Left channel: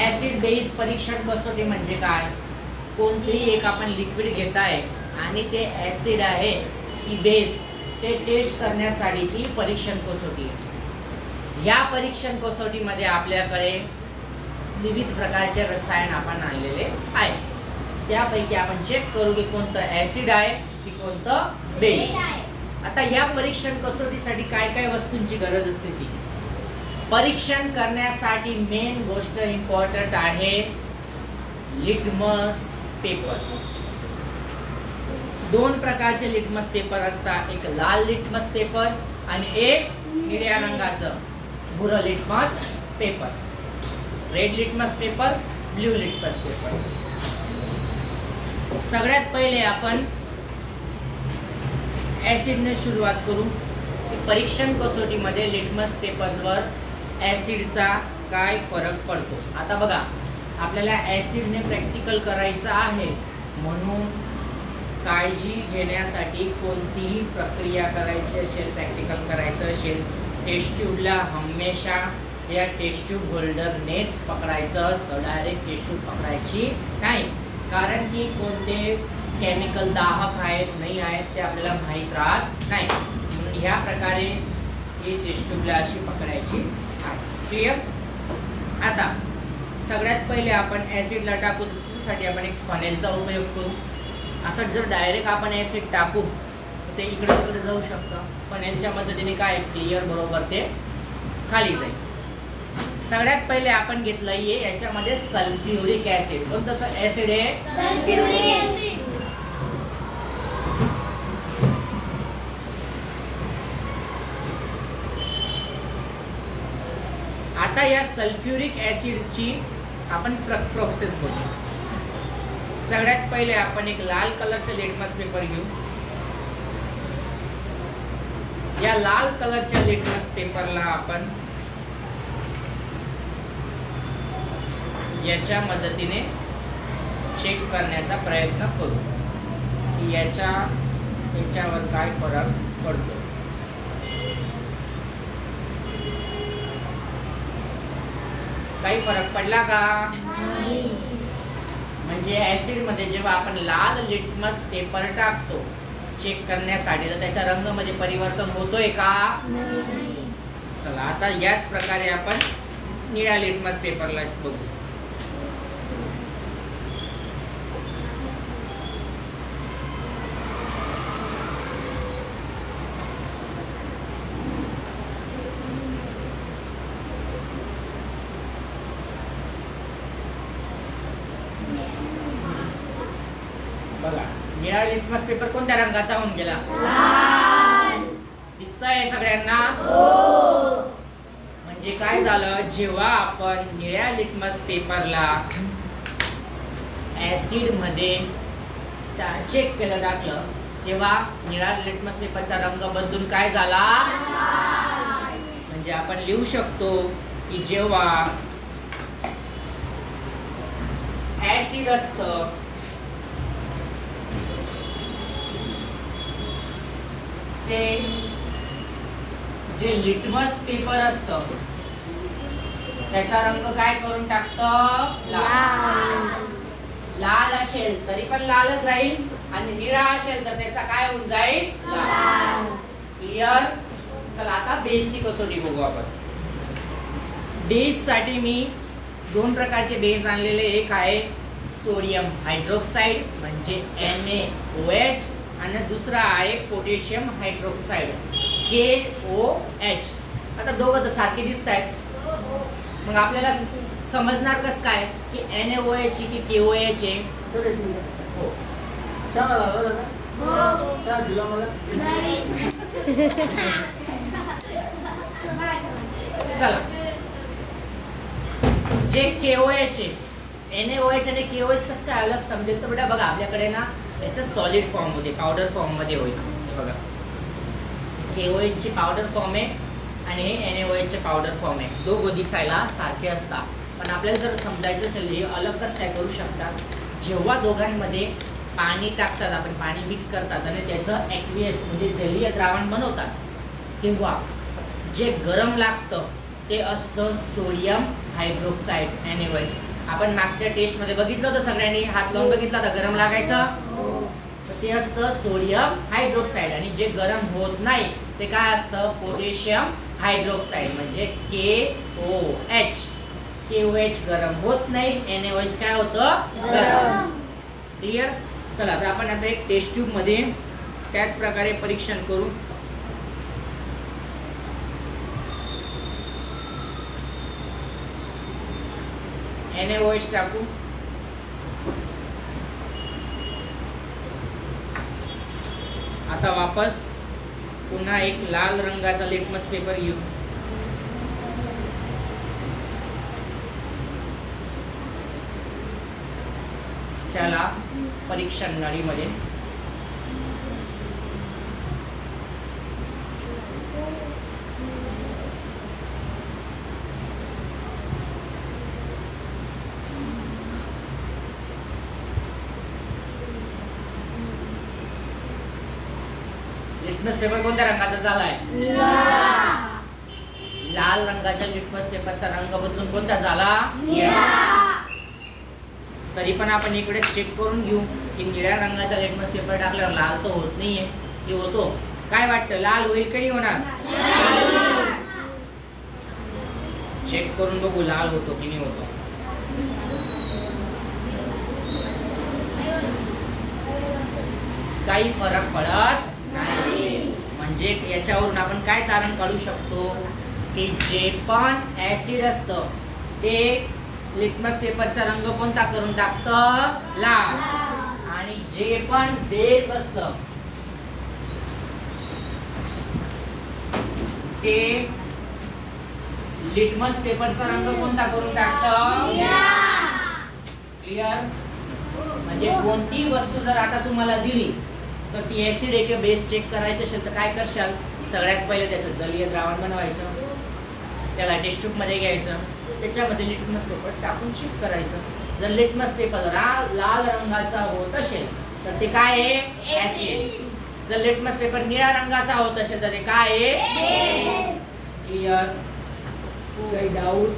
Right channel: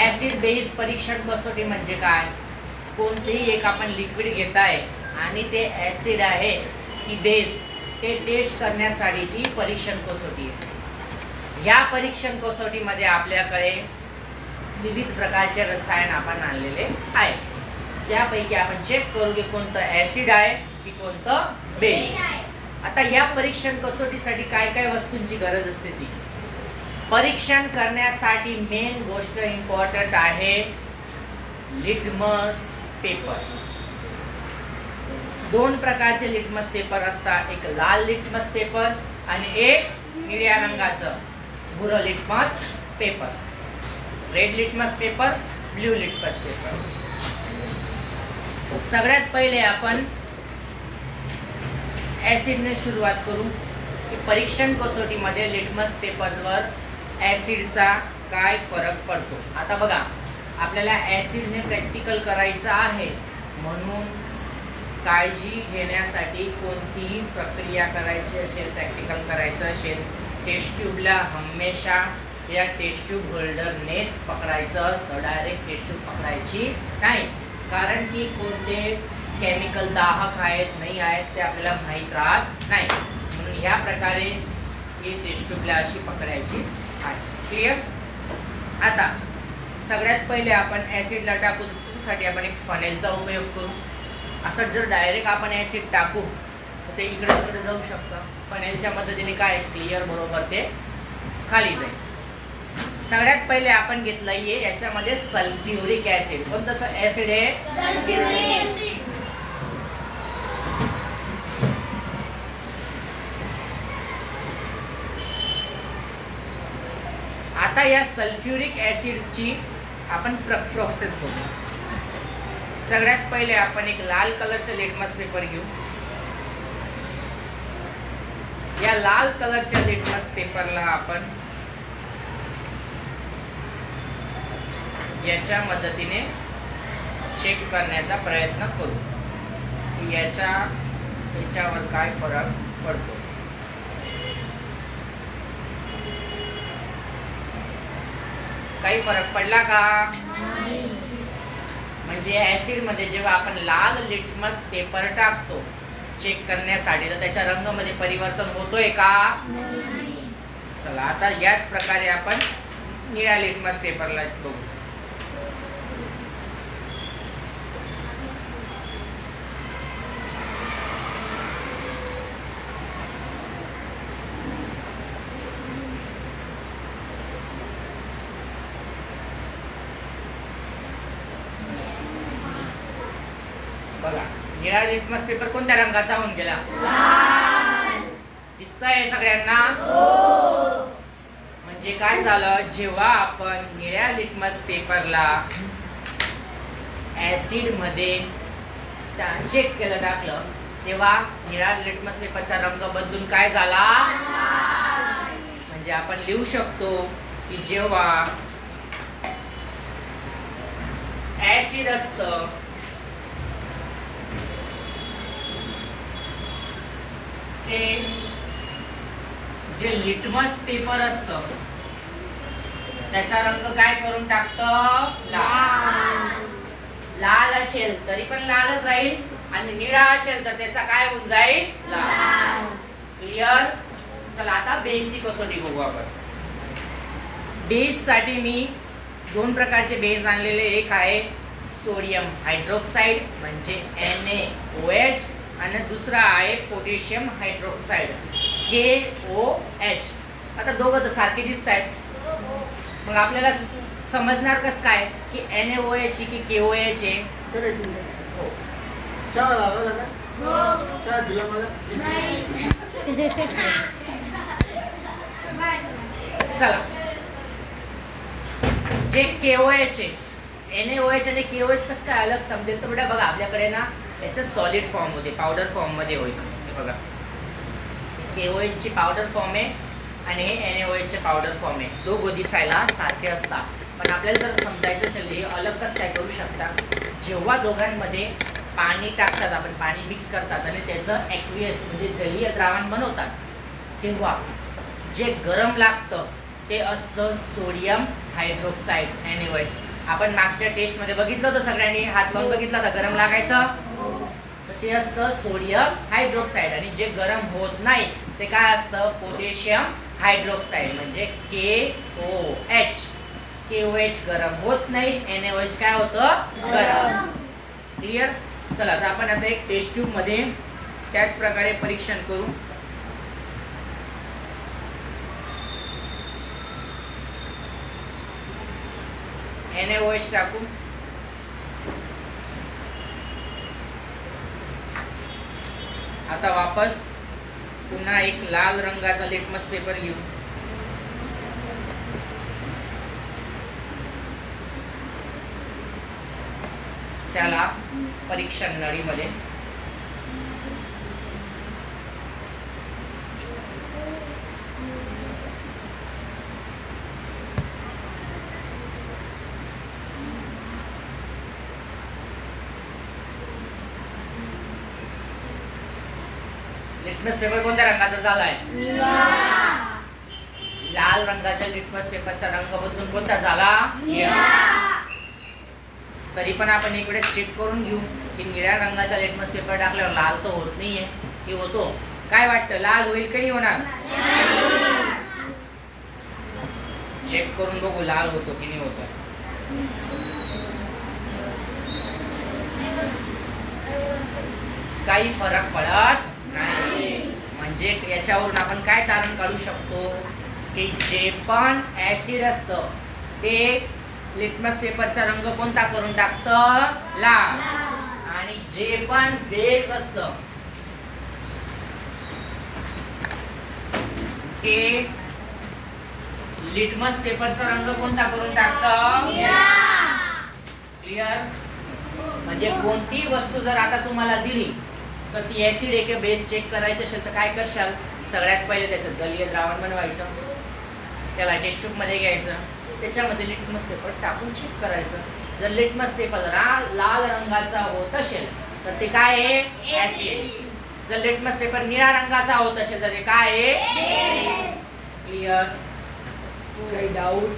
Acid base परीक्षण कसोटी म्हणजे काय? कोणतेही एक आपण लिक्विड घेत आहे आणि ते ऍसिड आहे की बेस ते टेस्ट करण्यासाठीची परीक्षण कसोटी आहे। या परीक्षण कसोटीमध्ये आपल्याकडे विविध प्रकारचे रसायन आपण आणलेले आहे, त्यापैकी आपण चेक करू की कोणतं ऍसिड आहे की कोणतं बेस। आता या परीक्षण कसोटीसाठी काय काय वस्तूंची गरज असते ती परीक्षण करण्यासाठी मेन गोष्ट इम्पॉर्टंट आहे लिटमस पेपर। दोन प्रकारचे लिटमस पेपर असतात, एक लाल लिटमस पेपर आणि एक निळ्या रंगाचं भुरं litmus paper, red litmus paper, blue litmus paper. सगळ्यात पहिले आपण ऍसिडने सुरुवात करू की परीक्षण कसोटीमध्ये लिटमस पेपरवर ऍसिडचा काय फरक पडतो। आता बघा, आपल्याला ऍसिडने प्रॅक्टिकल करायचं आहे म्हणून काळजी घेण्यासाठी कोणतीही प्रक्रिया करायची असेल, प्रॅक्टिकल करायचं असेल, टेस्ट ट्यूबला हमेशा या टेस्ट ट्यूब होल्डरनेच पकडायचं असतं, डायरेक्ट टेस्ट ट्यूब पकडायची नाही, कारण की कोणते केमिकल दाहक आहेत नाही आहेत ते आपल्याला माहीत राहत नाही, म्हणून या प्रकारे ही टेस्ट ट्यूबला अशी पकडायची आहे। क्लिअर? आता सगळ्यात पहिले आपण ऍसिडला टाकू, त्याच्यासाठी आपण एक फनेलचा उपयोग करू। असं जर डायरेक्ट आपण ऍसिड टाकू तर ते इकडे तिकडे जाऊ शकतं, फनेलच्या मदतीने काय क्लिअर बरोबर ते खाली जाईल। सगळ्यात पहिले आपण घेतलं आहे याच्यामध्ये सल्फ्युरिक ऍसिड। कोणतं ऍसिड आहे? सल्फ्युरिक। आता या सल्फ्युरिक ऍसिडची आपण प्रोसेस बघू। सगळ्यात पहिले आपण एक लाल कलरचा लिटमस पेपर घेऊ। या लाल कलरच्या लिटमस पेपरला आपण याच्या मदतीने चेक करण्याचा प्रयत्न करू की याच्यावर काय फरक पडतो। काही फरक पडला का? म्हणजे ऍसिड मध्ये जेव्हा आपण लाल लिटमस पेपर टाकतो चेक करण्यासाठी तर त्याच्या रंगामध्ये परिवर्तन होतोय का? चला आता याच प्रकारे आपण निळ्या लिटमस पेपरला बघू। बघा, निळा लिटमस पेपर कोणत्या रंगाचा होऊन गेला? लाल। दिसतंय सगळ्यांना? हो। म्हणजे काय झालं, जेव्हा आपण निळ्या लिटमस पेपरला ऍसिड मध्ये चेक केलं टाकलं तेव्हा निळा लिटमस पेपरचा रंग बदलून काय झाला? म्हणजे आपण लिहू शकतो की जेव्हा ऍसिड असतं ते जे लिटमस पेपर असतं त्याचा रंग काय करून टाकतं? लाल। लाल असेल तरी पण लालच राहील आणि निळा असेल तर त्याचा काय होऊन जाईल? लाल। क्लिअर? चला आता बेसिक कसोटी बघू आपण। बेस साठी मी दोन प्रकारचे बेस आणलेले, एक आहे सोडियम हायड्रोक्साइड म्हणजे NaOH आणि दुसरा आहे पोटॅशियम हायड्रोक्साइड KOH। आता दोघं तर सारखे दिसत आहेत, मग आपल्याला समजणार कसं काय की NaOH की KOH आहे? हो, चला जे KOH आहे, NaOH आणि KOH कसं काय अलग समजेल तर बेटा बघा, आपल्याकडे ना याचं सॉलिड फॉर्म मध्ये पावडर फॉर्म मध्ये होईल। बघा, KOH ची पावडर फॉर्म आहे आणि NaOH चे पावडर फॉर्म आहे, दोघं दिसायला सारखे असतात, पण आपल्याला जर समजायचं असेल हे अलग कसं काय करू शकतात, जेव्हा दोघांमध्ये पाणी टाकतात आपण, पाणी मिक्स करतात आणि त्याचं ॲक्वियस म्हणजे जलीय द्रावण बनवतात, तेव्हा जे गरम लागतं ते असतं सोडियम हायड्रोक्साइड NaOH। आपण मागच्या टेस्ट मध्ये बघितलं होतं, सगळ्यांनी हात लावून बघितला होता, गरम लागायचं. तर ते असतं सोडियम हायड्रोक्साईड, आणि जे गरम होत नाही ते काय असतं, पोटॅशियम हायड्रोक्साईड म्हणजे KOH. KOH गरम होत नाही, NaOH काय होतं, गरम. क्लिअर. चला तर आपण आता एक टेस्ट ट्यूब मध्ये त्याच प्रकारे परीक्षण करू. NaOH टाकू. आता वापस पुन्हा एक लाल रंगाचा लिटमस पेपर घेऊ. त्याला परीक्षण नळीमध्ये लिटमस पेपर कोणत्या रंगाचा झालाय, लाल रंगाच्या लिटमस पेपरचा रंग बदलून कोणता झाला, तरी पण आपण इकडे चेक करून घेऊ की निळ्या रंगाचा लिटमस पेपर टाकल्यावर लाल तर होत नाहीये की होतो. काय वाटतं, लाल होईल की होणार, चेक करून बघू लाल होतो की नाही होतो. काही फरक पडत नाही. म्हणजे याच्यावरून आपण काय तारण काढू शकतो की जे पण ऍसिड असतं ते लिटमस पेपरचा रंग कोणता करून टाकतं, लाल. आणि जे पण बेस असतं ते लिटमस पेपरचा रंग कोणता करून टाकतं, क्लिअर. म्हणजे कोणती वस्तू जर आता तुम्हाला दिली तर ती ऍसिड आहे की बेस चेक करायची असेल तर काय करशाल, सगळ्यात पहिले त्याचं जलीय द्रावण बनवायचं, त्याला टेस्ट ट्यूब मध्ये घ्यायचं, त्याच्यामध्ये लिटमस पेपर टाकून चेक करायचं. जर लिटमस पेपर लाल रंगाचा होत असेल तर ते काय आहे, ऍसिड. जर लिटमस पेपर निळ्या रंगाचा होत असेल तर ते काय आहे, क्लिअर. काही डाऊट.